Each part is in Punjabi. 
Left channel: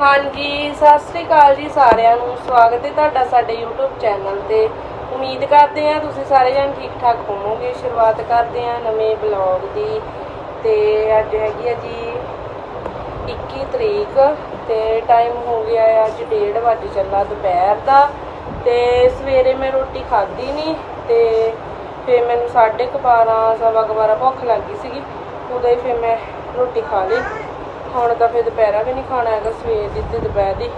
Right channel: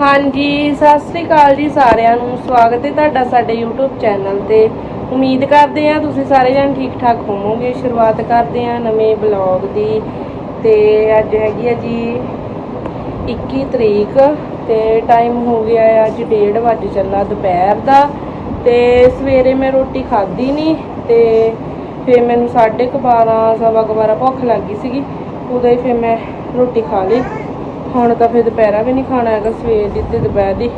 ਹਾਂਜੀ, ਸਤਿ ਸ੍ਰੀ ਅਕਾਲ ਜੀ ਸਾਰਿਆਂ ਨੂੰ। ਸਵਾਗਤ ਹੈ ਤੁਹਾਡਾ ਸਾਡੇ YouTube ਚੈਨਲ ਤੇ। ਉਮੀਦ ਕਰਦੇ ਹਾਂ ਤੁਸੀਂ ਸਾਰੇ ਜਣ ਠੀਕ ਠਾਕ ਹੋਵੋਗੇ। ਸ਼ੁਰੂਆਤ ਕਰਦੇ ਹਾਂ ਨਵੇਂ ਬਲੌਗ ਦੀ। ਤੇ ਅੱਜ ਹੈਗੀ ਆ ਜੀ 21 ਤਰੀਕ ਤੇ ਟਾਈਮ ਹੋ ਗਿਆ ਆ ਅੱਜ 1:30 ਵਜੇ ਚੱਲਾ ਦੁਪਹਿਰ ਦਾ। ਤੇ ਸਵੇਰੇ ਮੈਂ ਰੋਟੀ ਖਾਧੀ ਨਹੀਂ ਤੇ ਫਿਰ ਮੈਨੂੰ 12:30 ਸਵਾ ਕੁ ਬਾਰਾਂ ਭੁੱਖ ਲੱਗ ਗਈ ਸੀਗੀ। ਉਦੋਂ ਹੀ ਫਿਰ ਮੈਂ ਰੋਟੀ ਖਾ ਲਈ। ਹੁਣ ਤਾਂ ਫਿਰ ਦੁਪਹਿਰਾ ਵੀ ਨਹੀਂ ਖਾਣਾ ਹੈਗਾ, ਸਵੇਰ ਦੀ ਤੇ ਦੁਪਹਿਰ ਦੀ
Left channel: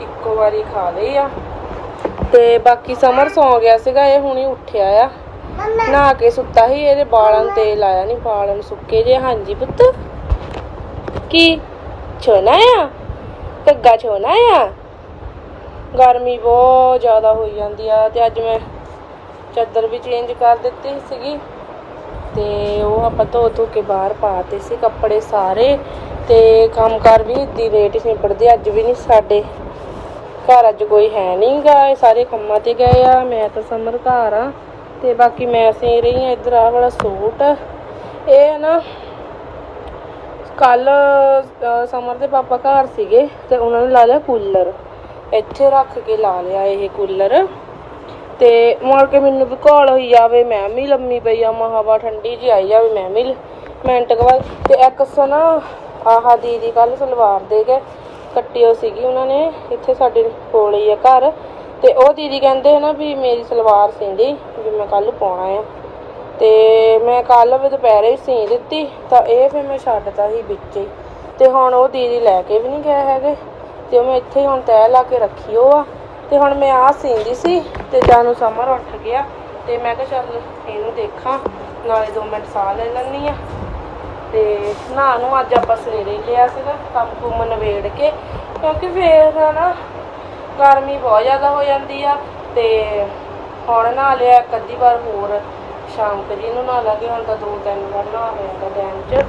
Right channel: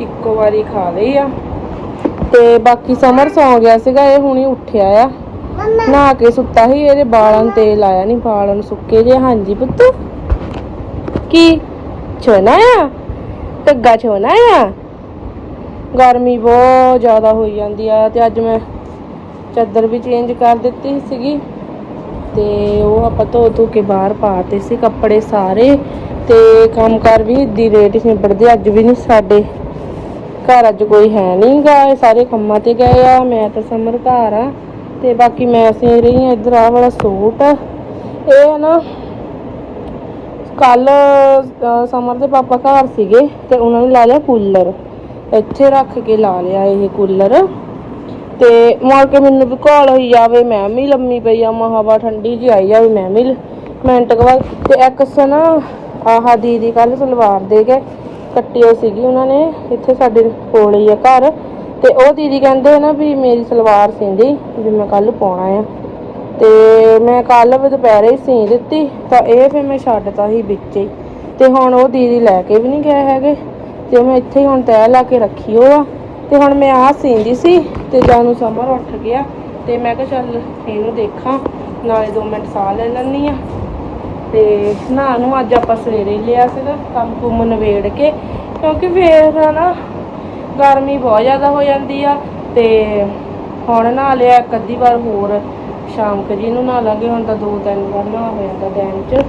ਇੱਕੋ ਵਾਰੀ ਖਾ ਲਈ ਆ। ਤੇ ਬਾਕੀ ਸਮਰ ਸੌ ਗਿਆ ਸੀਗਾ, ਇਹ ਹੁਣੀ ਉੱਠਿਆ ਆ। ਨਹਾ ਕੇ ਸੁੱਤਾ ਸੀ, ਇਹਦੇ ਬਾਲਾਂ ਨੂੰ ਤੇਲ ਆਇਆ ਨਹੀਂ ਬਾਲਾਂ ਨੂੰ ਸੁੱਕੇ ਜੇ, ਹਾਂਜੀ ਪੁੱਤ। ਕੀ? ਛੋਣਾ ਆ? ਧੱਗਾ ਛੋਣਾ ਆ? ਗਰਮੀ ਬਹੁਤ ਜ਼ਿਆਦਾ ਹੋਈ ਜਾਂਦੀ ਆ, ਤੇ ਅੱਜ ਮੈਂ ਚਾਦਰ ਵੀ ਚੇਂਜ ਕਰ ਦਿੱਤੀ ਸੀਗੀ। ਤੇ ਉਹ ਆਪਾਂ ਧੋ ਧੋ ਕੇ ਬਾਹਰ ਪਾਤੇ ਸੀ ਕੱਪੜੇ ਸਾਰੇ ਤੇ ਕੰਮ ਕਰ ਵੀ ਦੀ ਰੇਟ ਹੀ ਨਿਬੜਦੇ, ਅੱਜ ਵੀ ਨਹੀਂ ਸਾਡੇ। ਘਰ ਅੱਜ ਕੋਈ ਹੈ ਨਹੀਂ ਗਾ ਇਹ ਸਾਰੇ ਕੰਮਾਂ ਤੇ ਗਏ ਆ, ਮੈਂ ਤਾਂ ਸਮਰ ਘਰ ਆ ਤੇ ਬਾਕੀ ਮੈਂ ਸੀ ਰਹੀ ਆ ਇੱਧਰ ਆ ਵਾਲਾ ਸੂਟ। ਇਹ ਹੈ ਨਾ ਕੱਲ ਸਮਰ ਦੇ ਪਾਪਾ ਘਰ ਸੀਗੇ ਤੇ ਉਹਨਾਂ ਨੇ ਲਾ ਲਿਆ ਕੂਲਰ। ਇੱਥੇ ਰੱਖ ਕੇ ਲਾ ਲਿਆ ਇਹ ਕੂਲਰ। ਤੇ ਮੁੜ ਕੇ ਮੈਨੂੰ ਵੀ ਘੋਲ ਹੋਈ ਜਾਵੇ, ਮੈਂ ਵੀ ਲੰਮੀ ਪਈ ਆ ਮਹਾਵਾ ਠੰਡੀ ਜੀ ਆਈ ਜਾਵੇ, ਮੈਂ ਵੀ ਮਿੰਟ ਕਵਾਈ ਬਾਅਦ ਤੇ ਇੱਕ ਸੋ ਨਾ ਆਹ ਦੀਦੀ ਕੱਲ ਸਲਵਾਰ ਦੇ ਕੇ ਕੱਟੀ ਹੋਈ ਸੀਗੀ ਉਹਨਾਂ ਨੇ, ਇੱਥੇ ਸਾਡੇ ਕੋਲ ਹੀ ਆ ਘਰ, ਤੇ ਉਹ ਦੀਦੀ ਕਹਿੰਦੇ ਨਾ ਵੀ ਮੇਰੀ ਸਲਵਾਰ ਸਿੰਦੀ, ਵੀ ਮੈਂ ਕੱਲ ਪਾਉਣਾ ਆ। ਤੇ ਮੈਂ ਕੱਲ ਵੀ ਦੁਪਹਿਰੇ ਹੀ ਸੀ ਦਿੱਤੀ, ਤਾਂ ਇਹ ਫਿਰ ਮੈਂ ਛੱਡਤਾ ਸੀ ਵਿੱਚ ਹੀ। ਤੇ ਹੁਣ ਉਹ ਦੀਦੀ ਲੈ ਕੇ ਵੀ ਨਹੀਂ ਗਿਆ ਹੈਗੇ, ਤੇ ਮੈਂ ਇੱਥੇ ਹੀ ਹੁਣ ਤੈਅ ਲਾ ਕੇ ਰੱਖੀ ਉਹ ਆ। ਤੇ ਹੁਣ ਮੈਂ ਆਹ ਸੀਂਦੀ ਸੀ ਤੇ ਜਾਨੂੰ ਸਮਰ ਉੱਠ ਗਿਆ ਤੇ ਮੈਂ ਕਿਹਾ ਚੱਲ ਇਹਨੂੰ ਦੇਖਾਂ, ਨਾਲੇ 2 ਮਿੰਟ ਸਾਹ ਲੈ ਲੈਣੀ ਆ ਤੇ ਨਹਾ ਨੂੰ ਅੱਜ ਆਪਾਂ ਸਵੇਰੇ ਲਿਆ ਸੀਗਾ, ਕੰਮ ਕੁੰਮ ਨਵੇੜ ਕੇ, ਕਿਉਂਕਿ ਫੇਰ ਨਾ ਗਰਮੀ ਬਹੁਤ ਜ਼ਿਆਦਾ ਹੋ ਜਾਂਦੀ ਆ ਤੇ ਹੁਣ ਨਹਾ ਲਿਆ ਇੱਕ ਅੱਧੀ ਵਾਰ ਹੋਰ, ਸ਼ਾਮ ਕੁ ਜੀ ਨੂੰ ਨਹਾ ਲਾਂਗੇ, ਹੁਣ ਤਾਂ ਦੋ ਤਿੰਨ ਵਾਰ ਨਹਾ ਹੋ ਜਾਂਦਾ ਦਿਨ 'ਚ।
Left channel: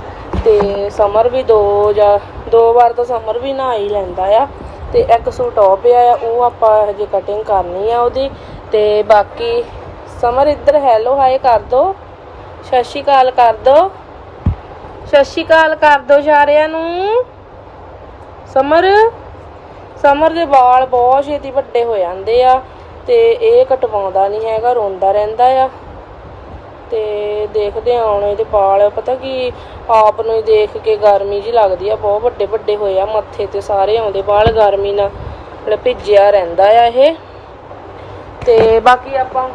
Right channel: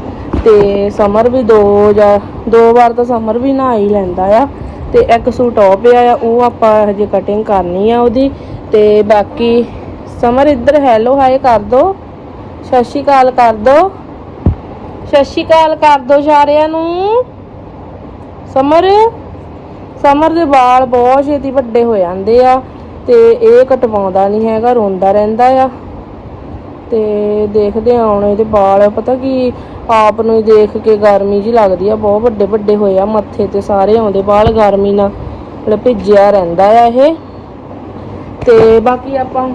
ਤੇ ਸਮਰ ਵੀ ਦੋ ਜਾਂ ਦੋ ਵਾਰ ਤਾਂ ਸਮਰ ਵੀ ਨਹਾ ਹੀ ਲੈਂਦਾ ਆ। ਤੇ ਇੱਕ ਸੂਟ ਆ ਪਿਆ ਆ, ਉਹ ਆਪਾਂ ਹਜੇ ਕਟਿੰਗ ਕਰਨੀ ਆ ਉਹਦੀ। ਤੇ ਬਾਕੀ ਸਮਰ ਇੱਧਰ ਹੈਲੋ ਹਾਏ ਕਰ ਦੋ। ਸਤਿ ਸ਼੍ਰੀ ਅਕਾਲ ਕਰ ਦੋ। ਸਤਿ ਸ਼੍ਰੀ ਅਕਾਲ ਕਰ ਦੋ ਸਾਰਿਆਂ ਨੂੰ। ਸਮਰ ਸਮਰ ਦੇ ਵਾਲ ਬਹੁਤ ਛੇਤੀ ਵੱਡੇ ਹੋ ਜਾਂਦੇ ਆ ਤੇ ਇਹ ਕਟਵਾਉਂਦਾ ਨਹੀਂ ਹੈਗਾ, ਰੋਂਦਾ ਰਹਿੰਦਾ ਆ। ਤੇ ਦੇਖਦੇ ਆ ਹੁਣ ਇਹਦੇ ਵਾਲ, ਪਤਾ ਕੀ ਆਪ ਨੂੰ ਦੇਖ ਕੇ ਗਰਮੀ ਜੀ ਲੱਗਦੀ ਆ, ਬਹੁਤ ਵੱਡੇ ਵੱਡੇ ਹੋਏ ਆ ਮੱਥੇ ਤੇ ਸਾਰੇ ਆਉਂਦੇ ਬਾਲ ਗਰਮੀ ਨਾਲ ਮਤਲਬ ਭਿੱਜਿਆ ਰਹਿੰਦਾ ਆ ਇਹ। ਤੇ ਬਾਕੀ ਆਪਾਂ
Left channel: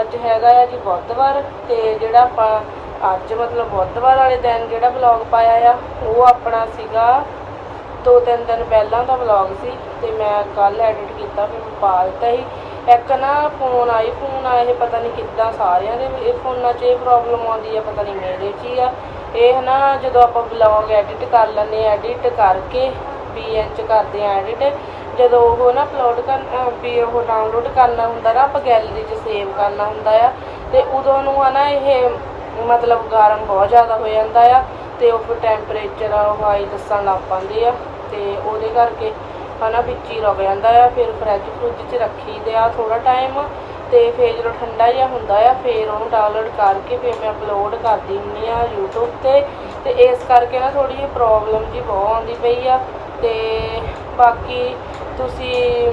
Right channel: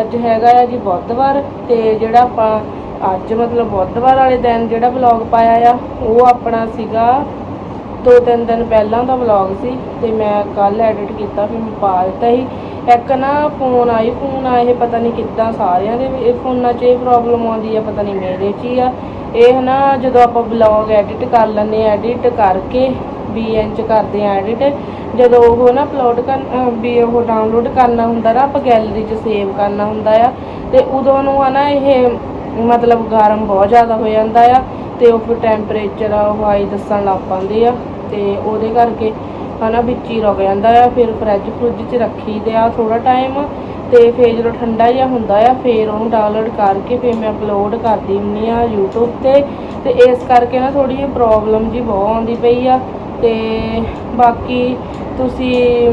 ਅੱਜ ਹੈਗਾ ਆ ਜੀ ਬੁੱਧਵਾਰ, ਤੇ ਜਿਹੜਾ ਆਪਾਂ ਅੱਜ ਮਤਲਬ ਬੁੱਧਵਾਰ ਵਾਲੇ ਦਿਨ ਜਿਹੜਾ ਵਲੌਗ ਪਾਇਆ ਆ, ਉਹ ਆਪਣਾ ਸੀਗਾ ਦੋ ਤਿੰਨ ਦਿਨ ਪਹਿਲਾਂ ਦਾ ਵਲੌਗ ਸੀ, ਤੇ ਮੈਂ ਕੱਲ ਐਡਿਟ ਕੀਤਾ ਫਿਰ ਮੈਂ ਪਾ ਦਿੱਤਾ ਸੀ। ਇੱਕ ਨਾ ਫੋਨ ਆਈ, ਫੋਨ ਇਹ ਪਤਾ ਨਹੀਂ ਕਿੱਦਾਂ ਸਾਰਿਆਂ ਦੇ, ਇਹ ਫੋਨਾਂ 'ਚ ਇਹ ਪ੍ਰੋਬਲਮ ਆਉਂਦੀ ਆ, ਪਤਾ ਨਹੀਂ ਮੇਰੇ 'ਚ ਹੀ ਆ। ਇਹ ਨਾ ਜਦੋਂ ਆਪਾਂ ਵਲੌਗ ਐਡਿਟ ਕਰ ਲੈਂਦੇ ਐਡਿਟ ਕਰਕੇ ਵੀਐਨ 'ਚ ਕਰਦੇ ਆ ਐਡਿਟ ਜਦੋਂ ਉਹ ਨਾ ਅਪਲੋਡ ਕਰ ਵੀ ਉਹ ਡਾਊਨਲੋਡ ਕਰਨਾ ਹੁੰਦਾ ਨਾ, ਆਪਾਂ ਗੈਲਰੀ 'ਚ ਸੇਵ ਕਰਨਾ ਹੁੰਦਾ ਆ, ਤੇ ਉਦੋਂ ਨੂੰ ਆ ਨਾ ਇਹ ਮਤਲਬ ਗਰਮ ਬਹੁਤ ਜ਼ਿਆਦਾ ਹੋ ਜਾਂਦਾ ਆ, ਤੇ ਉਹ ਫਿਰ ਟੈਂਪਰੇਚਰ ਉਹ ਹਾਈ ਦੱਸਣ ਲੱਗ ਪੈਂਦੇ ਆ, ਤੇ ਉਹਦੇ ਕਰਕੇ ਹਨਾ ਵਿੱਚ ਹੀ ਰੁਕ ਜਾਂਦਾ ਆ, ਫਿਰ ਫ੍ਰਿਜ ਫਰੁੱਜ 'ਚ ਰੱਖੀ ਦੇ ਆ ਥੋੜਾ ਟਾਈਮ ਤੇ ਫਿਰ ਜਦੋਂ ਠੰਡਾ ਜਿਹਾ ਹੁੰਦਾ ਆ, ਫਿਰ ਉਹਨੂੰ ਡਾਊਨਲੋਡ ਕਰਕੇ ਫਿਰ ਮੈਂ ਅਪਲੋਡ ਕਰਦੀ ਹੁੰਨੀ ਆ YouTube ਤੇ ਤੇ ਇਸ ਕਰਕੇ ਨਾ ਥੋੜੀ ਜਿਹੀ ਪ੍ਰੋਬਲਮ ਜੀ ਬਹੁਤ ਆਉਂਦੀ ਪਈ ਆ, ਤੇ ਬਾਕੀ ਤੁਸੀਂ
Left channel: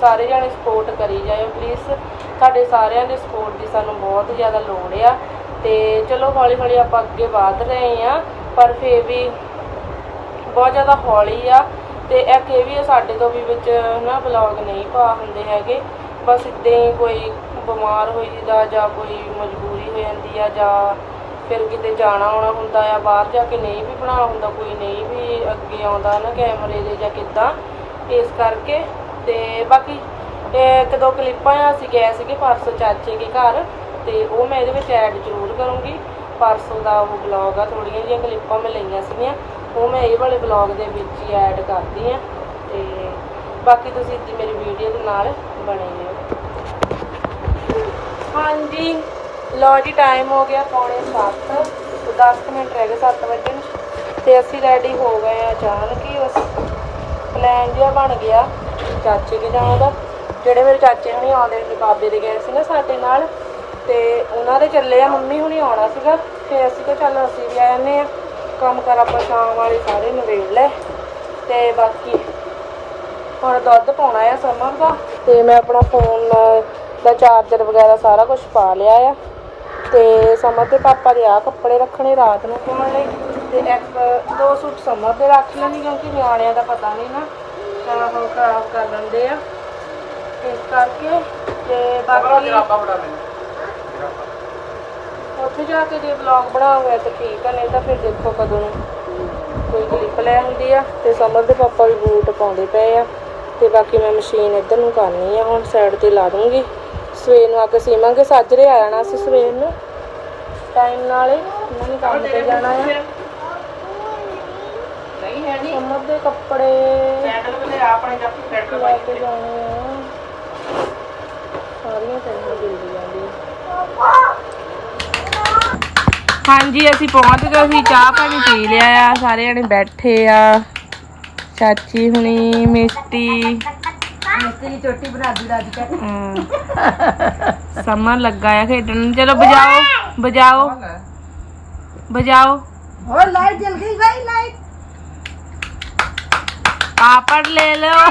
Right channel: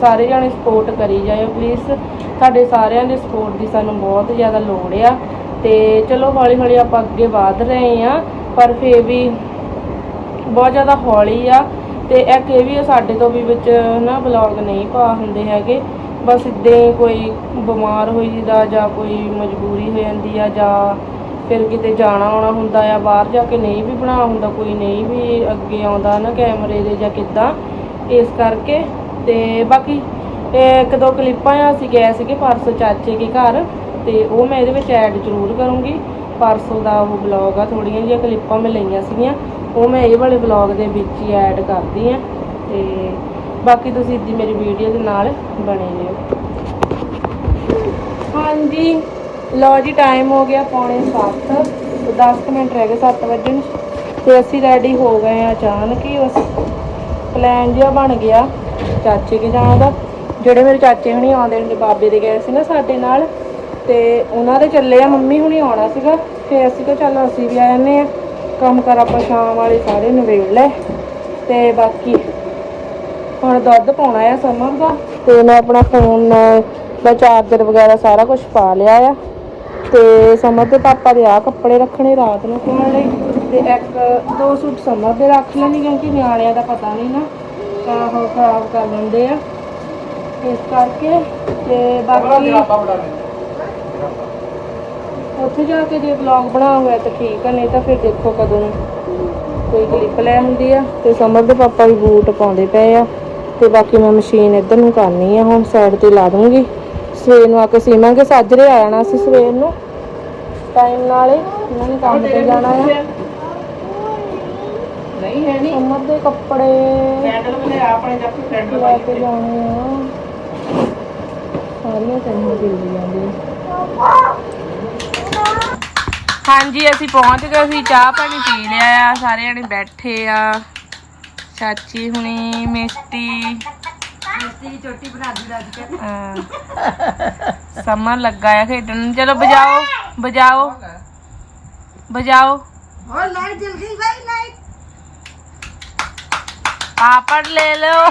ਸਾਰੇ ਜਾਣੇ ਸਪੋਰਟ ਕਰੀ ਜਾਇਓ ਪਲੀਜ਼ ਸਾਡੇ ਸਾਰਿਆਂ ਦੇ ਸਪੋਰਟ ਦੀ ਸਾਨੂੰ ਬਹੁਤ ਜ਼ਿਆਦਾ ਲੋੜ ਆ, ਤੇ ਚਲੋ ਹੌਲੀ ਹੌਲੀ ਆਪਾਂ ਅੱਗੇ ਵਧ ਰਹੇ ਆ, ਪਰ ਫੇਰ ਵੀ ਬਹੁਤ ਜ਼ਿਆਦਾ ਹੌਲੀ ਆ ਤੇ ਇਹ ਵੀ ਆ ਸਾਡੇ ਤੋਂ ਵੀ ਵਿੱਚ ਨਾ ਬਲੌਗ ਨਹੀਂ ਪਾ ਹੁੰਦੇ ਹੈਗੇ। ਬਸ ਇਦਾਂ ਹੀ ਕੋਈ ਬਿਮਾਰ ਹੋਈ ਜਿੱਦਾਂ ਜਾਂ ਕੋਈ ਮਜਬੂਰੀ ਹੋ ਜਾਂਦੀ ਆ ਜਾਂ ਫਿਰ ਕਿਤੇ ਜਾਣਾ ਆਉਣਾ ਹੁੰਦਾ ਆ, ਬਾਹਰ ਜਾ ਕੇ ਨਹੀਂ ਵੀ ਬਣਾ ਹੁੰਦਾ, ਕੋਈ ਨਹੀਂ ਵੀ ਅੱਗੇ ਆਉਂਦਾ ਨਾ ਕੈਮਰੇ ਦੇ ਜਾਂ ਕਿੱਦਾਂ। ਇਸ ਕਰਕੇ ਤੇ ਬਾਕੀ ਇੱਕ ਦੋ ਕਲਿੱਪਾਂ ਆ, ਅਸੀਂ ਗਏ ਸੀਗੇ ਪਰਸੋਂ ਚਾਚੇ ਕੇ ਘਰ ਤੇ ਉਹ ਮੈਂ ਇਹਦੇ ਵਿੱਚ ਐਡ ਜ਼ਰੂਰ ਕਰੂੰਗੀ। ਪਰਸੋਂ ਦਾ ਉਹ ਵਲੌਗ ਆ ਥੋੜੀਆਂ ਜਿਹੀਆਂ ਕਲਿੱਪਾਂ ਮੈਂ ਲਈਆਂ ਸੀਗੀਆਂ। ਉਹ ਮੈਂ ਇਹ ਵਾਲੇ ਵਲੌਗ ਦੇ ਵਿੱਚ ਹੀ ਐਡ ਕਰਦੀ ਆ ਤੇ ਬਾਕੀ ਤੁਸੀਂ ਇੱਦੀ ਮੇਰੀ ਵੀਡੀਓ ਦੇ ਨਾਲ ਬਣੇ ਰਹੋ। ਹਾਂਜੀ, ਲਓ ਜੀ ਟਾਈਮ ਹੋ ਗਿਆ ਪੌਣੇ 7 ਤੇ 10 ਕੁ ਮਿੰਟ ਰਹਿ ਗਏ 7 ਵਜੇ ਨੂੰ ਤੇ ਅਸੀਂ ਰੈਡੀ ਹੋ ਗਏ ਆ ਅਚਾਨਕ ਹੀ ਉਸ ਪਲਾਨ ਜਿਹਾ ਬਣ ਗਿਆ ਚਾਚੇ ਕੇ ਜਾਣ ਦਾ। ਜਿਹੜੇ ਮੇਰੇ ਚਾਚੇ ਹੁਣੀ ਆਉਂਦੇ ਨੇ, ਬਾਬੇ ਦੇ ਗਏ ਸੀ ਨਾ ਸਾਡੇ ਨਾਲ, ਤੇ ਉਹਨਾਂ ਦੇ ਚੱਲੇ ਆ, ਮੰਮੀ ਹੁਣੀ ਆਉਣਾ ਸੀਗਾ। ਤੇ ਅਸੀਂ ਕਿਹਾ ਚੱਲ ਅਸੀਂ ਵੀ ਆ ਜੰਨੇ ਆ ਕੰਮ ਕਰ ਆਪਾਂ ਸ਼ਾਮ ਵਾਲੇ ਸਾਰੇ ਨਵੇੜ ਲੈ। ਤੇ ਬਾਕੀ ਹੁਣ ਦੁੱਧ ਪਾਉਣਾ ਆ ਸਮਰ ਦਾ। ਤੇ ਮੈਂ ਆਪਣਾ ਫੋਨ ਦਾ ਚਾਰਜਰ ਵਗੈਰਾ ਸਾਰਾ ਕੁਝ ਪਾ ਲਿਆ ਆ। ਤੇ ਸਮਰ ਦੇ ਪਾਪਾ ਦੇ ਆ ਕੱਪੜੇ ਰੱਖਣੇ ਰਾਤ ਨੂੰ ਪਾਉਣ ਲਈ। ਤੇ ਇੱਕ, ਦੋ ਸੂਟ ਸਮਰ ਦੇ ਰੱਖ ਲੈਣੀ ਕਿਉਂਕਿ ਨਿਆਣਿਆਂ ਦਾ ਪਤਾ ਨਹੀਂ ਨਾ। ਤਾਂ ਉਹ ਖਰਾਬ ਕਰ ਲੈਂਦੇ ਆ। ਇਸ ਕਰਕੇ ਤੇ ਬਾਕੀ ਉੱਥੇ ਜਾ ਕੇ ਜੇ ਵਲੌਗ ਬਣਾ ਹੋਇਆ ਤਾਂ ਠੀਕ ਆ ਨਹੀਂ ਤਾਂ ਫਿਰ ਦੇਖੋ ਕਦੋਂ ਨੂੰ ਕੋਈ ਕਲਿੱਪ ਲੈ ਹੁੰਦੀ ਆ। ਤੇ ਸਮਰ ਦੇ ਪਾਪਾ ਵੀ ਬੂਟ ਪਾਉਂਦੇ ਪਏ ਆ। ਤੇ ਬਾਕੀ ਮੈਂ ਮਸ਼ੀਨ ਇੱਧਰ ਨੂੰ ਕਰਨੀ ਆ ਹੁਣ ਸਾਈਡ ਤੇ ਲਾ ਦੂੰਗੀ। ਸਵੇਰ ਨੂੰ ਆ ਕੇ ਸੀਵਾਂਗੇ ਸਾਜਰੇ ਆ ਜਾਣਾ ਸੀ ਸਵੇਰ ਨੂੰ। ਟਾਈਮ ਨਾਲ ਇਹਨਾਂ ਨੇ ਕੰਮ ਤੇ ਜਾਣਾ ਆ। ਨਹੀਂ ਹੈ ਨਹੀਂ ਸਮਰ ਦੇ ਕੱਪੜੇ ਸੈਂਡਲ ਵਾਲੇ ਆਪਣੇ ਜੱਟ ਸੈਂਡਲ ਪਾਈ ਕੇ ਜਾਣੇ ਆ। ਸਾਰੀਆਂ ਚੰਗੀਆਂ ਦੇ ਜਾਂਦੀਆਂ ਹਾਂਜੀ ਅਸੀਂ ਪਹੁੰਚ ਗਏ ਅਸੀਂ ਚਾਹ ਪਾਣੀ ਪੀ ਲਿਆ ਆ ਸਾਰੇ ਜਣੇ ਬੈਠੇ ਆ। ਚਾਚੀ ਹੁਣੀ ਰਾਜ ਕੇ। ਹਾਂ। ਸਮਰ ਲੱਗਾ ਆ ਖੇਡਣ ਚਲੋ ਬਜਾਓ ਬਜਾਓ ਬਜਾਓ ਲਾਈਟ ਜਲ ਗਈ ਭਾਈ ਲਾਈਟ। ਪਾਪੜ ਲੈ ਲਓ।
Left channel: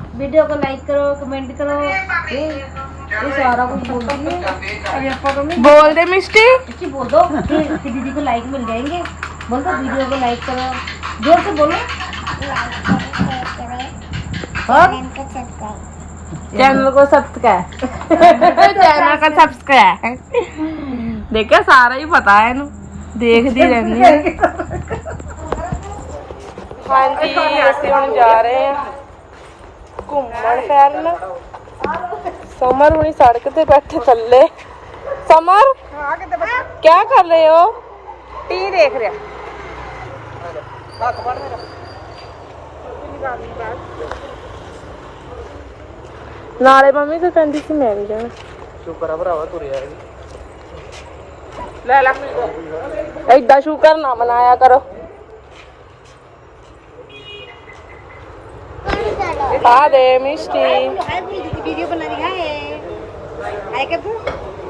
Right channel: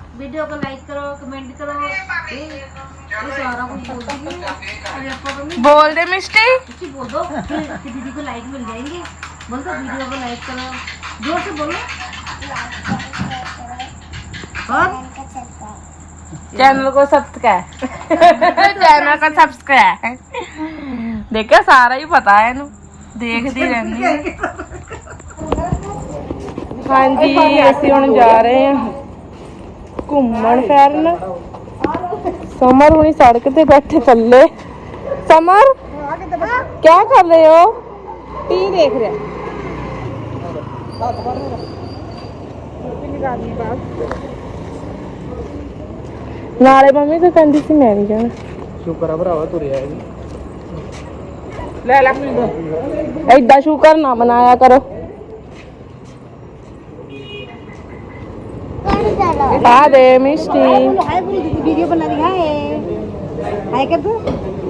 बोलो वीडियो को लाइक करो कमेंट करो ये ये सारा कुछ बोल रही है अरे आपको तो नहीं ਬੋਲ ਦੇ ਮਿਸਟੀ इसकी बोल दो कि कि दीदी को लाइक मिल जाएंगे बोल दो वीडियो को लाइक करो जोर से बोलो और चैनल को सब्सक्राइब चैनल का सब्सक्राइब देखा सारा ही पता है ਇਹਨੂੰ ਦੇਖਦੀ ਰਹਿੰਦੀ ਹੈ ਹਾਂਜੀ ਅਸੀਂ ਹੁਣ ਜਾ ਰਹੇ ਹਾਂ ਘੁੰਮਣ ਫਿਰਨ। ਸਮਰ ਹੁਣੀ ਸੜਕ ਤੇ ਬੈਠੇ ਥੱਲੇ। ਸਮਰ ਕਿਆ ਕਰ ਰਹੇ ਹੋ? ਟੀ ਦੇਖ ਰਿਹਾ। ਨਾਲੇ ਮੰਮੀ ਤਾਂ ਕਹਿੰਦੀ ਸੀ ਮੈਂ ਵੀ ਜਾਣਾ। ਸ਼ੁਕਰ ਆ ਭਰਾਵਾ ਤੁਰਿਆ ਇਹ ਲੈ ਲੈ ਐਦਾਂ ਸ਼ੁਕਰ ਨਾ ਮਨਾਇਆ ਕਰੋ। Ade, Misty. हाय बोली तू वीडियो बना रही है हाय कर दो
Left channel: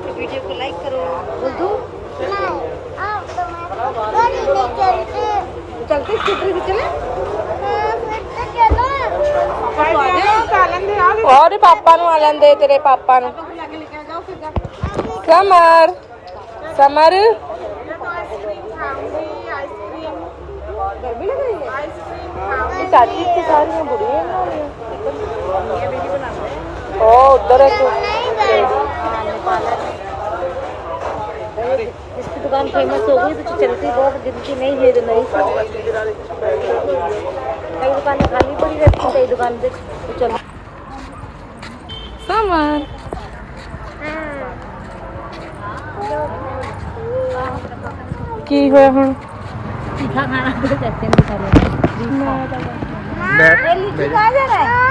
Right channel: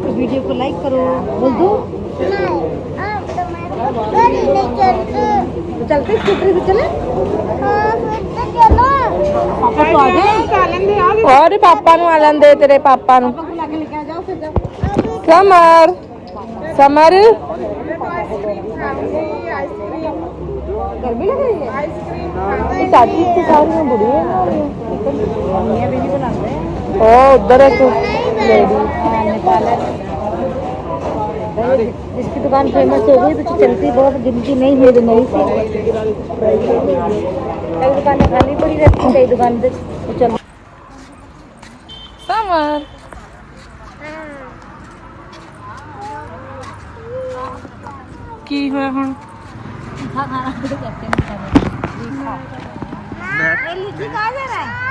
तो वीडियो को लाइक करो बोल दो चलते स्कूटर से चले पापा को आ जाए और पापा नु आ लेंदे तेरे पापा नु पापा को लाके लेके आ जाओ फिर जा समर समर आइसक्रीम आइसक्रीम चाची के साथ में बुरी है ओ उधर है कुछ दुकान फ़ेमस हो गई तो चलती बहुत गिनती नहीं है दुकान खाली पड़ी रहती है कई दुकान पे चल समर की होया हुन तीखा ले ले कहते हैं बेचारे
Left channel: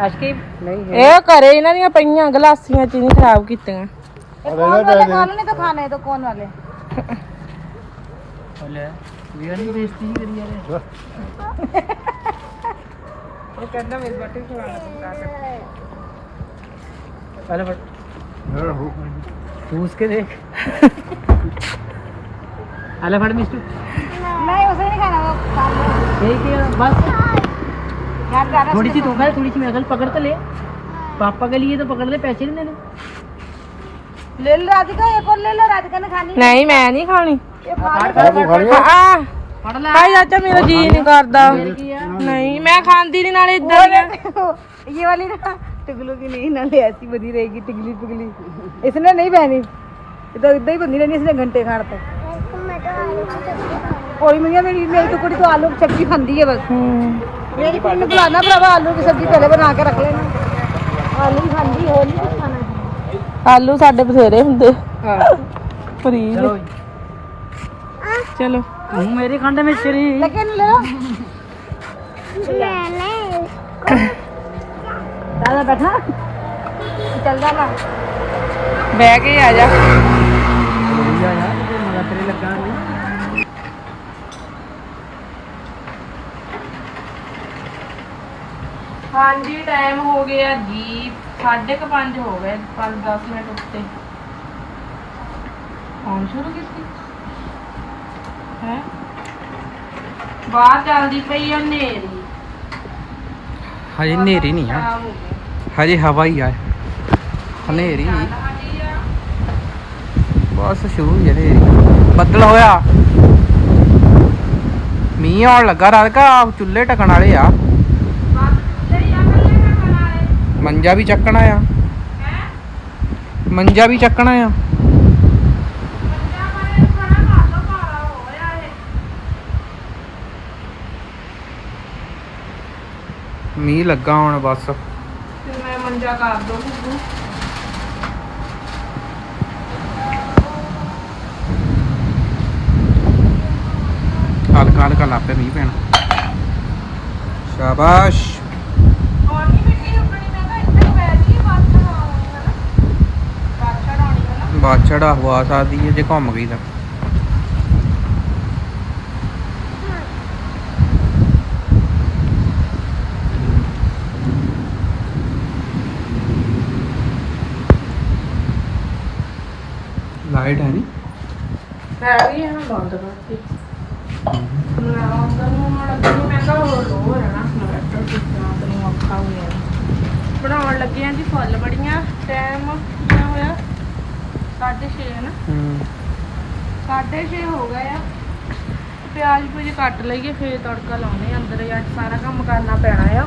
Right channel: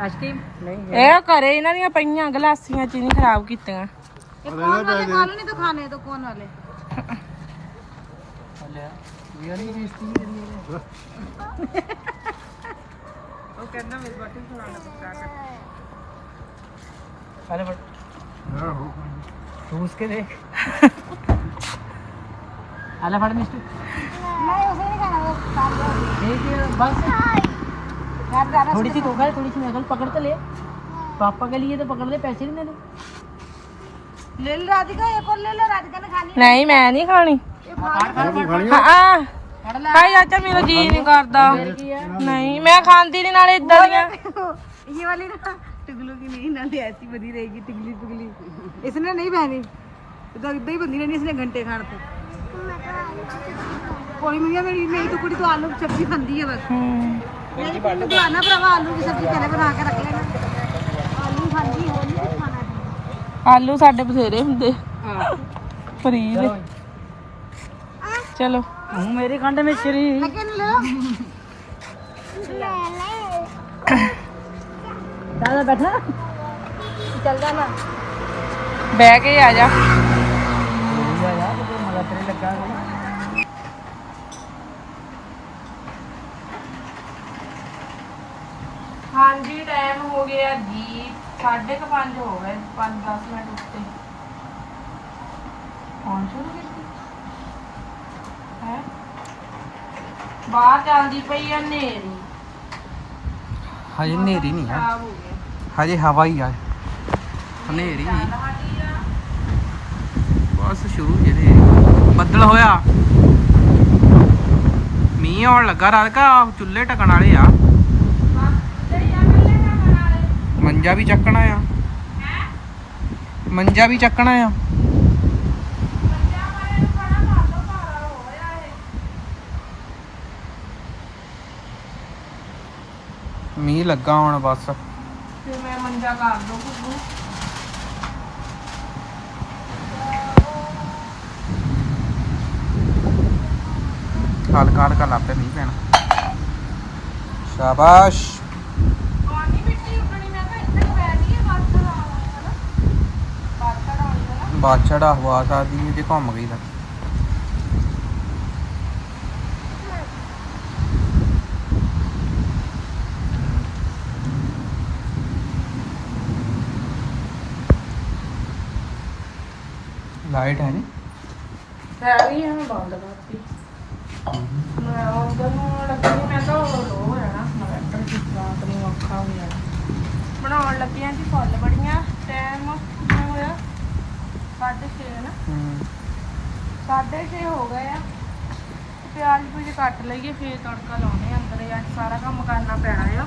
ਨਹੀਂ ਆਸ਼ਕੀ ਨਹੀਂ ਇਹ ਘਰੇ ਇਹਨਾਂ ਦੀਆਂ ਪਈਆਂ ਗਲਾਸੀਆਂ ਚ ਨਹੀਂ ਖਰਾਬ ਕੀਤੀਆਂ कौन वाले खाने ने तो खाना है तो कौन वाले ਲੈ ਵੀ ਨਹੀਂ ਬੇਇੱਜ਼ਤੀ ਜੀ ਕਰੀ ਜਾ पहले फट चूस के देख पहले फट मिस्टू नहीं उसे नहीं खाना वो खा लो ठीक है बस यार ज्यादा थोड़ी सी तो खा थोड़ी सी मेरे ख्याल पकड़ तो ले पापा के लिए तो पकड़ ले पैसे नहीं देने ले लो राधिका एक और ले लो राधिका ने खानी ਨਹੀਂ ਮੈਂ ਨਹੀਂ ਖਾਣੀ फाड़ फाड़ फाड़ ਹਾਂ ਫੜ ਲੈ ਹਾਏ ਚਾਚਾ ਮੇਰਾ ਜੀ ਨਹੀਂ ਕਰਦਾ ਕੀ ਆ ਨਹੀਂ ਮੈਂ ਖਾਂਦੀ ਨਹੀਂ ਨਾਲੇ ਇਦਾਂ ਦੀਆਂ ये वाली ना टिगलू की नहीं ना ले ऐसी बनी रहेगी टिगली पिगली इसने नहीं पहनी इधर इधर ही बनी रहनी इसने घंटे खान तक और मेरी मेरी मेरी तो कुड़ी तो आलू की सब्जी खाती है बस ਆਲੂ ਸਾਡੇ ਬਥੇਰੇ ਹੁੰਦੇ। ਫਰੀ ਦੇ ਚਲੋ ਹੂੰ ਮੇਰੀ ਖੰਡ ਮਿਸ਼ਰੀ ਲੇਕਿਨ ਲੋ ਦਾਦਾ ਬੈਠਾ। ਚੱਲਦਾ ਮੈਂ ਬਹਿ ਕੇ ਆ ਜਾ। ਹੋ ਗਿਆ ਜੀ 5:30 ਹੋ ਗਏ 5-10 ਮਿੰਟ ਉੱਤੇ। ਹੁਣ ਸ਼ੁਰੂ ਕੀਤੀ? ਹੈ? ਬਾਹਰ ਚੱਲਦੀ ਪਈ ਆ ਨੇਰੀ ਹਜੇ ਹਨੇਰੀ ਨਹੀਂ ਆ। ਹੋ ਹਜੇ ਹਵਾ ਹੀ ਆ। ਹਨੇਰੀ। ਬਸ ਸ਼ੁਰੂ ਹੀ ਹਨੇਰੀ। ਬੱਦਲ ਹੋਇਆ। ਮੀਂਹ ਆਉਣ ਲੱਗਾ ਰਾਧਕਾ ਚੁੱਲ੍ਹੇ ਟਕਣ ਵਾਲੇ ਆ। ਮੰਜਾ ਵੀ ਚੱਕਣਾ ਆ। ਮੰਜਾ ਵੀ ਚੱਕਣਾ ਆ। ਮੀਂਹ ਲੱਗਾ ਹੁਣ ਬਸ। ਮੈਂ ਮੰਜਾ ਕਰ ਦੋ ਗੁੱਗੂ ਹਲਕਾ ਹਲਕਾ ਲਾਪੇ ਮੀਂਹ ਪੈਣਾ। ਸ਼ਾਬਾਸ਼ ਆਉਣੀ ਮਿੱਟੀ ਉੱਕਣੀ ਮੈਂ ਕਿਹਾ ਇੱਥੇ ਹੀ ਬੈਠ ਗਈ ਬਾਤ ਆਉਣੀ ਹੈ ਨਾ ਬਾਤ ਆਉਣੀ ਹੈ ਹਵਾ ਸਕਦੀ ਹੈ ਜੇ ਘੁੰਮ ਗਈ ਤਾਂ। ਲਾਈਟ ਹੈ ਨਹੀਂ ਪੈ ਗਈ ਹੈ ਬੰਦ ਕਰਤੀ। ਮੈਂ ਆਉਂਦਾ ਨੂੰ ਲੱਗੀ ਮੈਂ ਕਿਹਾ ਉਹ ਲੋ ਹੋ ਜਾਣਾ। ਨਵੈਟਰ ਆਪਣੀ ਔਖਾ ਹੋ ਬਣਾਉਣ ਲੱਗੇ ਆਂ ਜੀ ਫੁੱਲ ਬੜੀਆਂ, ਟਾਈਮ। 6:30 ਹੈ ਨਾ। ਹੂੰ। 6:30 ਹੋ ਗਏ ਆ। ਤੇ ਪਿਆਜ਼ ਪੂਜ ਕੱਟ ਲਈਏ ਫੇਰ ਤੜਕਾ ਲਾਉਣੇ ਆ ਅੰਦਰ। ਅੱਜ ਸਾਰਾ ਕੰਮ ਕਰਨਾ ਪੈਣਾ ਆ।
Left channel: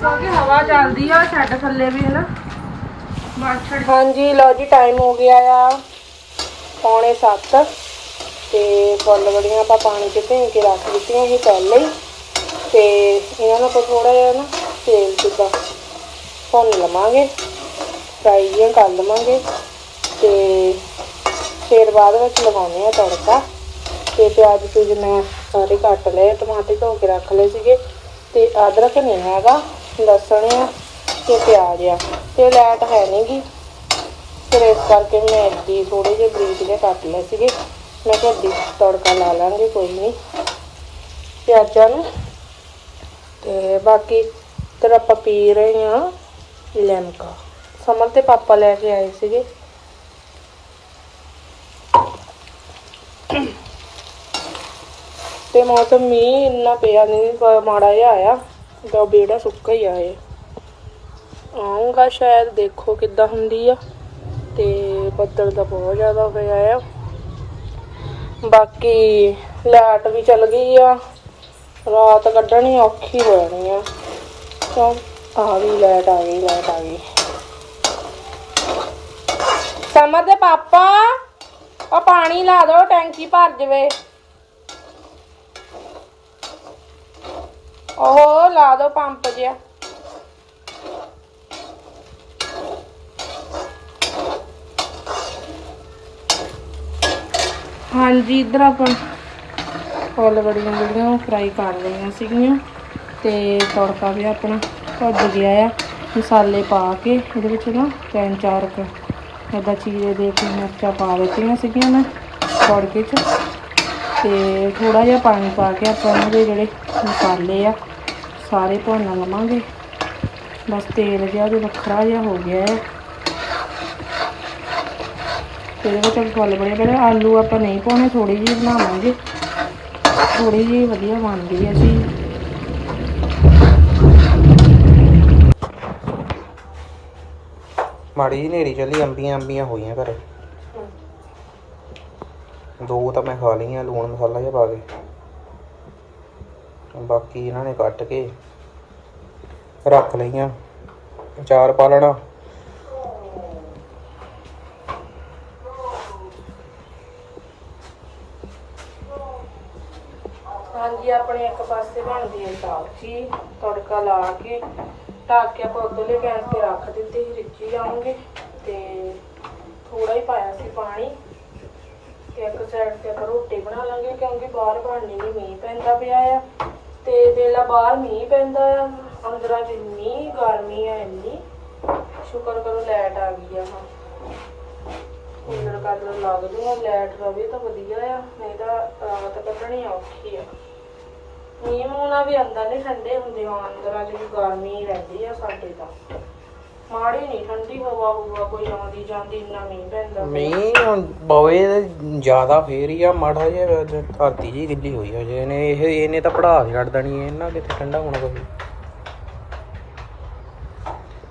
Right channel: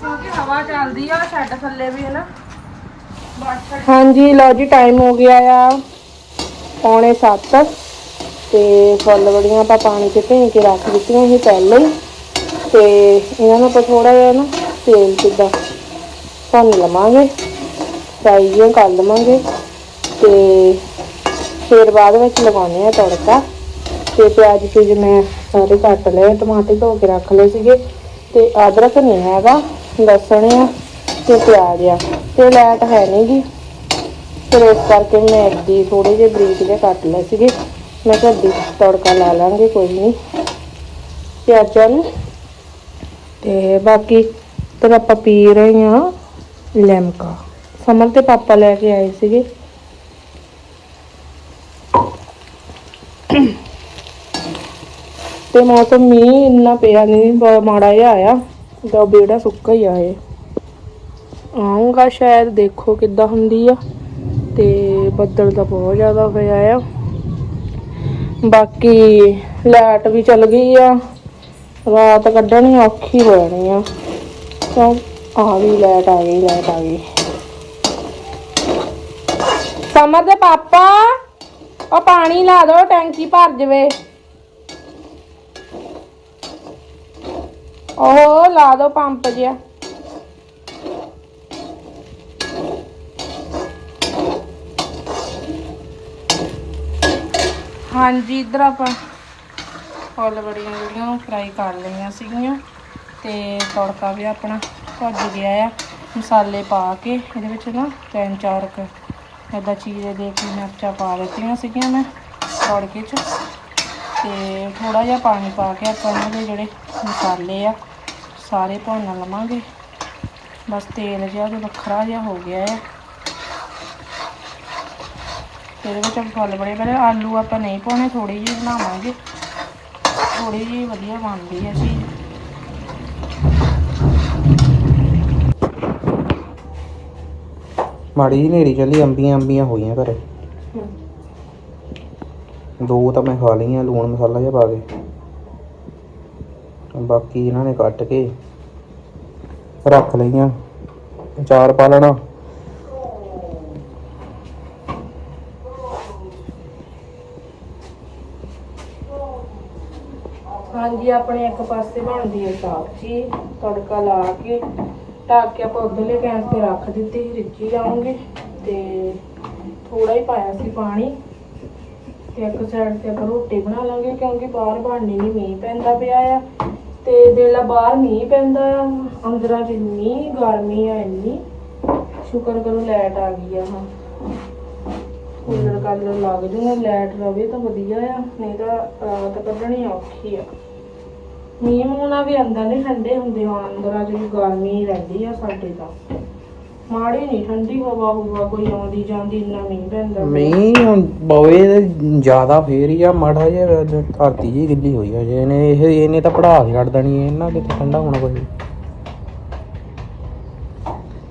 ਕਿਉਂਕਿ ਹਵਾ ਚੱਲਦੀ ਆ ਛੱਡ ਥੱਲੇ ਵੀ ਹੈ ਨਾ। ਹਾਂਜੀ ਲਓ ਜੀ ਟਾਈਮ ਹੋ ਗਿਆ ਆ ਪੌਣੇ 7 ਤੇ ਫੁੱਲ ਬੜੀਆਂ ਆਪਾਂ ਪਾਣੀ 'ਚ ਭਿਓ ਕੇ ਰੱਖ ਦਿੱਤੀਆਂ ਸੀ ਪਹਿਲਾਂ ਹੀ। ਤੇ ਇਹਨਾਂ ਨੂੰ ਆਪਾਂ ਥੋੜਾ ਜਿਹਾ ਨਾ ਤੇਲ ਜਿੱਦਾਂ ਭੁੰਨ ਲਵਾਂਗੇ ਫਰਾਈ ਜਿਹਾ ਕਰ ਲਵਾਂਗੇ। ਤੇ ਫਿਰ ਬਾਅਦ ਵਿੱਚ ਲਗਾਉਣੇ ਆ ਤੜਕਾ। ਤੇ ਪਿਆਜ਼ ਪੂਜ ਮੈਂ ਸਾਰੇ ਕੱਟ ਲਏ, ਟਮਾਟਰ ਧੋ ਕੇ ਰੱਖ ਲਏ ਸੀਗੇ। ਤੇ ਅਦਰਕ ਨਹੀਂ ਹੈਗਾ ਲਸਣ ਆ ਤੇ ਪਿਆਜ਼ ਆ। ਤੇ ਲੈਟ ਹੈ ਨਹੀਂ ਜੀ। ਫਿਰ ਇਸ ਕਰਕੇ ਮੈਂ ਅੱਡੀ ਥੋੜੇ ਜਿਹੇ ਬਰੀਕ ਜਿਹੇ ਕੱਟ ਲਏ ਸੀਗੇ। ਮੈਂ ਕਿਹਾ ਅੱਡੀ ਤੜਕਾ ਲਾ ਲਾਂਗੇ, ਕੋਈ ਨਹੀਂ। ਪਿਆਜ਼ਾਂ ਨੂੰ, ਤੇ ਬਾਕੀ ਤੇ ਆਪਾਂ ਪੀ ਰਹੇ ਹਾਂ ਲੈਮਕਾ। ਸਮਰ ਤੇ ਪਾਪਾ ਲੈ ਕੇ ਆਏ ਸੀਗੇ। ਤੇ ਮੌਸਮ ਮੀਂਹ ਇੰਨਾ ਪਿਆ ਨਹੀਂ ਮਾੜਾ ਜਿਹਾ ਆਇਆ। ਜੋ ਬੇੜਾ ਸੁੱਕਾ ਹੀ ਆਏ ਆਉਂਗਾ ਸ਼ਾਇਦ ਦੇਖੋ ਕਿੱਦਾਂ ਹੁੰਦੀ ਆ। ਤੇ ਬੱਦਲ ਤਾਂ ਬਹੁਤ ਜ਼ਿਆਦਾ ਹੋਇਆ ਆ। ਬਾਕੀ ਲਾਈਟ ਵੀ ਚੱਲ ਗਈ ਆ। ਰਾਤ ਕੱਢਣੀ ਔਖੀ ਹੋ ਜਾਣੀ ਆ। ਚਲ, ਆ ਗਈ ਲਾਈਟ ਆ ਗਈ, ਲਾਈਟ ਆ ਗਈ। ਸਮਰ ਦੇ ਪਾਪਾ, ਉਹ ਪਾਣੀ ਲਾ ਦੋ, ਟੈਂਕੀ ਭਰ ਜਵੇ। ਉਹ ਲਾ ਦੋ ਪੰਪ ਜਿਆ ਹਾਂਜੀ, ਇਧਰ ਆਪਾਂ ਫੁੱਲ ਬੜੀਆਂ ਜਿਹੜੀਆਂ ਫਰਾਈ ਕਰ ਲਈਆਂ ਸੀਗੀਆਂ ਤੇ ਤੜਕਾ ਵੀ ਆਪਣਾ ਭੱਜ ਗਿਆ ਆ। ਮਸਾਲੇ ਪਾ ਕੇ ਇਹਦੇ ਵਿੱਚ ਨਾ ਤਿੰਨ ਚਾਰ ਕੁ ਏਦਾਂ ਚੀਰੇ ਦੇ ਕੇ ਮਿਰਚਾਂ ਪਾ ਦਿੱਤੀਆਂ ਸੀਗੀਆਂ ਮੈਂ ਤੜਕੇ 'ਚ ਤੇ ਥੋੜਾ ਜਿਹਾ ਪਾਣੀ ਪਾ ਕੇ ਆਪਾਂ ਇਹਦੇ ਜਿਹੜੇ ਮਸਾਲੇ ਆ ਸਾਰੇ ਭੁੰਨ ਲਵਾਂਗੇ। ਬਸ ਤੇਲ ਜਿਹਾ ਵੀ ਵੱਖਰਾ ਜਿਹਾ ਹੋ ਗਿਆ ਹੈ। ਤੇ ਇਹਦੇ ਵਿੱਚ ਫੁੱਲ ਬੜੇ ਬੜੇ ਆਲੂ ਆਪਾਂ ਨਹੀਂ ਪਾਉਣੇ ਥੋੜੀ ਜਿਹੀ ਬਣਾਵਾਂਗੇ। ਥੋੜੀ ਜਿਹੀ ਵਧੀਆ ਬਣਦੀ ਹੈ ਜੀ। ਮਾੜੀ ਜਿਹੀ ਹਨੇਰੀ ਚੱਲੀ ਅੰਬੀਆਂ ਅੰਬੀਆਂ ਹੋਈਆਂ ਘਰੇ। ਦੋ ਤਾਂ ਮੈਂ ਖਾ ਲਈਆਂ, ਲੂਣ ਮਸਾਲਾ ਜਿਹਾ ਪਾ ਕੇ। ਬਾਕੀ ਇਹਨਾਂ ਨੇ ਕੱਟ ਕੇ ਰੱਖ ਲਈਆਂ। ਅਚਾਰ ਪਾ ਲੈਣਾ। ਹਾਂਜੀ, ਆਪਣੇ ਇੱਕ ਪਾਸੇ ਬਣਦੀ ਹੈ ਸਬਜ਼ੀ। ਤੜਕਾ ਲਾ ਕੇ, ਢੱਕ ਕੇ ਆਪਾਂ ਉਧਰਲੇ ਗੈਸ ਤੇ ਰੱਖ ਦਿੱਤੀ ਰਿੱਝੀ ਜਾਉਂਗੇ ਤੇ ਥੋੜਾ ਹੀ ਪਾਇਆ ਸੀ ਪਾਣੀ। ਤੇ ਇੱਕ ਸਾਈਡ ਤੇ ਆਪਾਂ ਰੋਟੀ ਬਣਾ ਲਾਂਗੇ ਕਿਉਂਕਿ ਬਾਹਰ ਬਣਨੀ ਨਹੀਂ ਮੀਂਹ ਪੈਂਦਾ ਪਿਆ ਆ। ਤੇ ਜਿਹੜਾ ਬਾਹਰ ਮੀਂਹ ਪੈਂਦਾ ਆ, ਅੰਦਰਾਂ ਚ ਇੰਨੀ ਗਰਮੀ ਆ, ਇੰਨੀ। ਸ਼ੁਕਰ ਕਰੋ ਲਾਈਟ ਆ ਗਈ ਆ ਹਾਂ ਕੂਲਰ ਕਾਲਰ ਲੱਗ ਜੂਗਾ ਲਾਈਟ ਰਵੇ ਤਾਂ ਵਧੀਆ ਆ, ਨਹੀਂ ਤਾਂ ਰਾਤ ਕੱਢਣੀ ਔਖੀ ਆ। ਮੀਂਹ ਮੂੰਹ ਵੀ ਅੰਦਰ ਨਹੀਂ ਠੰਡੇ ਹੁੰਦੇ ਹਾਂ ਅੰਦਰਾਂ 'ਚ ਗਰਮੀ ਰਹਿੰਦੀ ਆ ਸਾਡੇ ਤਾਂ। ਮਾੜੀ ਨਹੀਂ ਠੰਡੀ ਹਵਾ ਹੁਵਾ ਕੋਈ ਆਉਂਦੀ ਜਾਂਦੀ ਇੰਨਾ ਮੀਂਹ ਪੈਂਦਾ। ਮੀਂਹ ਬੋਏ ਤੇ ਜ਼ਿਆਦਾ ਫੇਰ ਹੀ ਆ ਮਾੜਾ ਜਿਹਾ ਅੱਜ ਧਰਤੀ ਜੀ ਗਿੱਲੀ ਹੋਈ ਆ ਜੇ ਇਹਨੇ ਇਹ ਇਹਨੇ ਤਾਂ ਪੜਾ ਛੱਡ ਦੇਣੀ ਹੈ ਇਹਨਾਂ ਕਿਤੇ ਠੰਡਾ ਹੋਣਾ ਕੋਈ।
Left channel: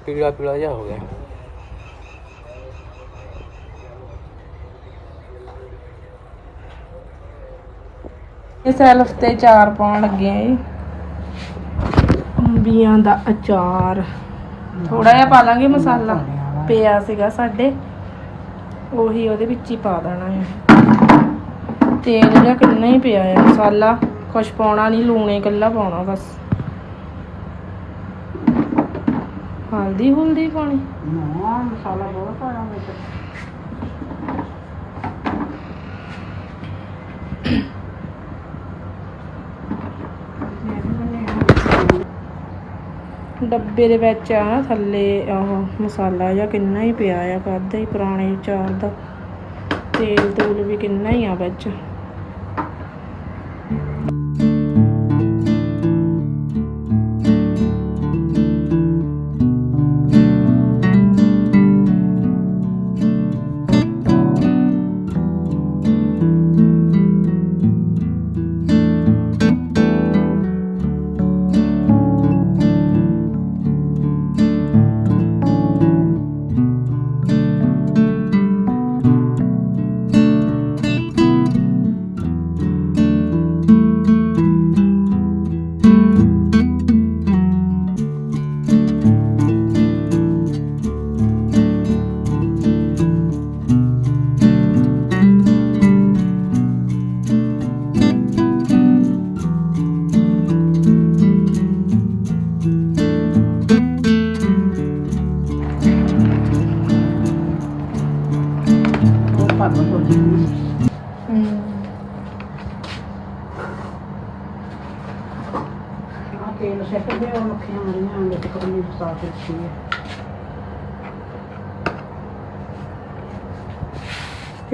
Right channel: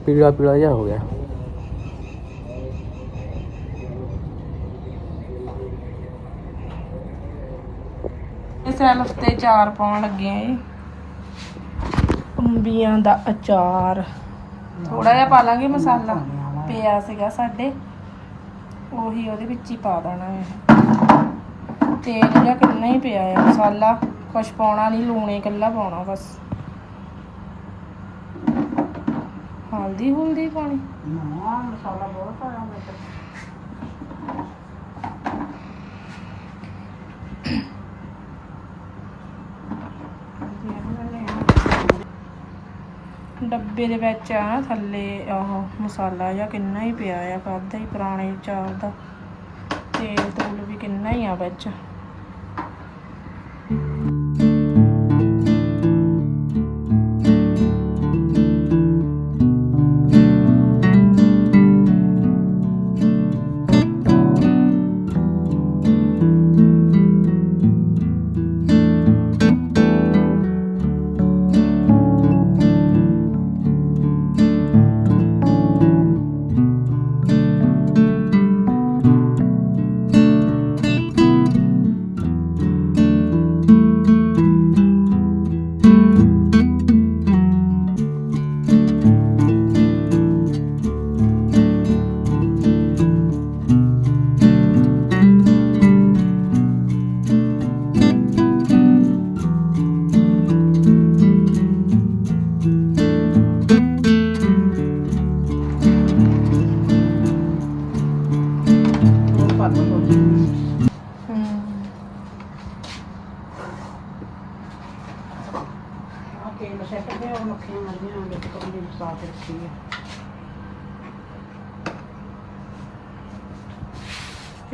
ਪੀਲਾ ਪੀਲਾ ਜਿਹਾ ਹੋ ਗਿਆ। ਇਹ ਸੈਲਫ ਤੇ ਚਾਰ ਪਾਉਣ ਲੱਗੇ ਆ ਅੰਬੀਆਂ ਦਾ ਅਚਾਰ। ਥੋੜਾ ਜਿਹਾ ਪਾ ਲਾਂਗੇ ਮਸਾਲਾ। ਪਿਆ ਸੀਗਾ ਸਾਡੇ। ਉਹੀ ਉਹਦੇ ਵਿੱਚ ਹੀ ਪਾ ਦੇਣਾ ਹੈ। ਤੇਲ ਜਿਹਾ ਕਿੰਨਾ ਹੀ ਪਿਆ ਆ ਮਸਾਲਾ। ਕੁਛ ਪਾਉਣਾ ਨਹੀਂ ਲੂਣੇ ਇਕੱਲਾ ਪਾਉਣਾ ਬਸ। ਹਲਦੀ ਹੁਲਦੀ ਪਾਣੀ ਨਾ ਮਸਾਲਾ ਬਹੁਤ ਪਾਇਆ ਵਿੱਚ ਡੱਬੇ ਦੇ ਵਿੱਚ ਆ ਨਾ ਥੱਲੇ ਉਹ ਮਸਾਲਾ ਜਿਹਾ ਕਿੰਨਾ ਹੀ ਪਿਆ ਆ ਕਾਦਾ ਹੀ ਪੁਰਾਣੇ ਚਾਰ ਦਾ। ਤੇਲ ਤੂਲ ਵੀ ਕਿੰਨਾ ਹੀ ਆ ਵਿੱਚ।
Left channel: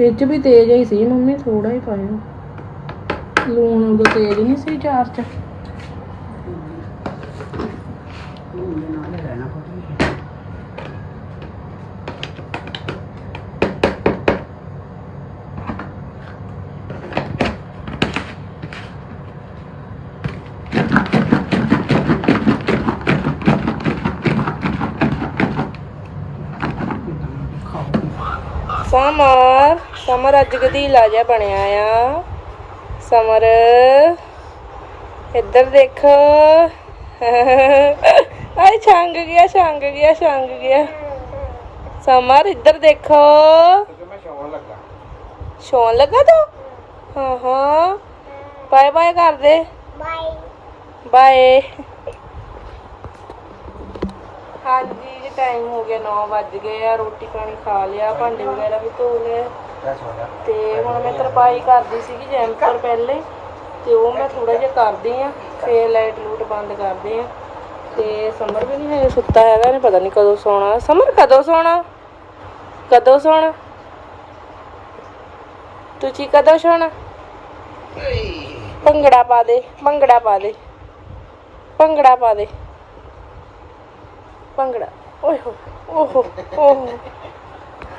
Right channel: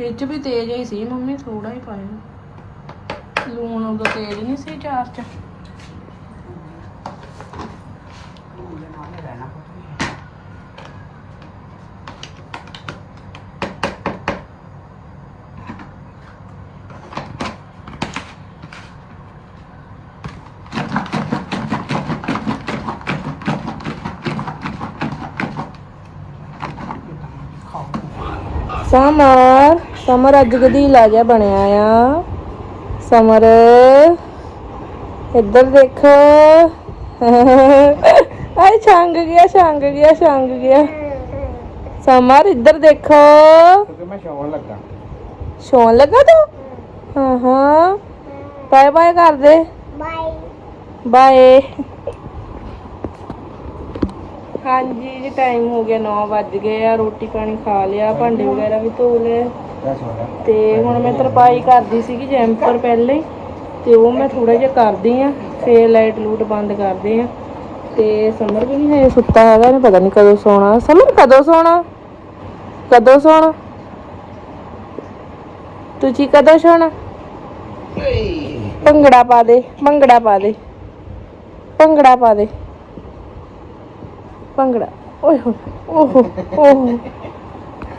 ਵਿੱਚ ਵੀ ਤੇਜ਼ ਹੀ ਸੀ, ਮੰਮੀ ਥੋੜਾ ਹੀ ਪਾਇਆ ਲੂਣ ਉਦੋਂ ਤੇਜ਼ ਨਹੀਂ ਸੀ ਚਾਰ ਚ। ਹੁਣ ਨਾਲ ਰਹਿਣਾ ਕੋਈ ਖਾਓ ਸਮਰ ਅੱਜ ਗਧੀਲਾ ਜਿਹਾ ਬਣਿਆ ਆ। ਸਮਰ ਇੱਧਰ ਦੇਖ। ਆਏ ਛੰਗ ਗਿਆ ਛੰਗ ਗਿਆ ਛੰਗ ਗਿਆ। ਸਮਰ ਇੱਧਰ ਦੇਖੋ। ਮੈਂ ਸ਼ੌਣ ਲੱਗਾ। ਸੌਣ ਲੱਗਾ ਤੂੰ? ਹਾਂ ਹਾਂ। ਬਾਏ ਬਾਏ ਕਰ ਦੇ। ਬਾਏ। ਬਾਏ ਹਾਂਜੀ ਜੀ ਟਾਈਮ ਹੋ ਗਿਆ 9 ਵੱਜ ਗਏ ਆ। ਰੋਟੀ ਪਾਣੀ ਖਾ ਲਿਆ ਭਾਂਡੇ ਵਗੈਰਾ ਵੀ ਧੋ ਲਏ। ਤੇ ਹੁਣ ਮੈਂ ਤਰਪਾਈ ਕਰਦੀ ਸੀਗੀ ਜੈਂਪਰ ਪਹਿਲੇ ਤੇ ਉਹ ਮੈਂ ਥੋੜਾ ਜਿਹਾ ਕਰਦੀ ਆ ਫੇਰ ਲਾਈਟ ਲੂਟ ਬੰਦ ਕਰਦੇ ਆ ਤੇ ਸਮਰ ਵੀ ਨਹੀਂ ਹੈ ਸੁੱਤਾ ਹੈਗਾ ਨੇ ਪਤਾ ਨਹੀਂ ਕਦੋਂ ਸੌਣਾ। ਸਮਰ, ਕਦੋਂ ਸੌਣਾ? ਕਦੋਂ ਸੌਣਾ? ਤੁਸੀਂ ਕਦੋਂ ਸੌਣਾ? ਭੰਗੜਾ ਪਾ ਦੇ, ਭੰਗੜਾ ਪਾ ਦੇ। ਭੰਗੜਾ ਪਾ ਦੇ। ਭੰਗੜਾ। ਓਏ ਹੋਏ ਓਹੋ ਓਹੋ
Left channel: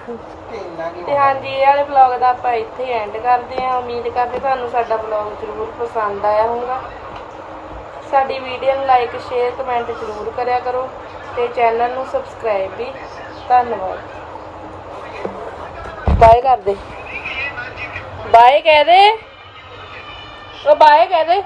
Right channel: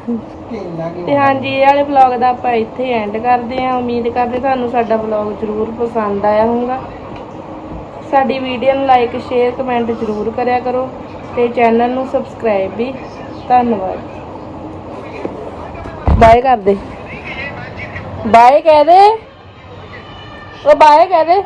ਤੇ ਹਾਂਜੀ, ਇਹ ਵਾਲੇ ਵਲੌਗ ਦਾ ਆਪਾਂ ਇੱਥੇ ਐਂਡ ਕਰਦੇ ਹਾਂ। ਉਮੀਦ ਕਰਦੇ ਤੁਹਾਨੂੰ ਸਾਡਾ ਵਲੌਗ ਜ਼ਰੂਰ ਪਸੰਦ ਆਇਆ ਹੋਊਗਾ। ਸਾਡੀ ਵੀਡੀਓ ਨੂੰ ਲਾਈਕ ਸ਼ੇਅਰ ਕਮੈਂਟ ਜ਼ਰੂਰ ਕਰਿਆ ਕਰੋ ਤੇ ਚੈਨਲ ਨੂੰ ਸਬਸਕ੍ਰਾਈਬ ਵੀ। ਧੰਨਵਾਦ। ਬਾਏ ਕਰ ਬਾਏ ਕਹਿ ਉਹ ਬਾਏ ਕਹਿ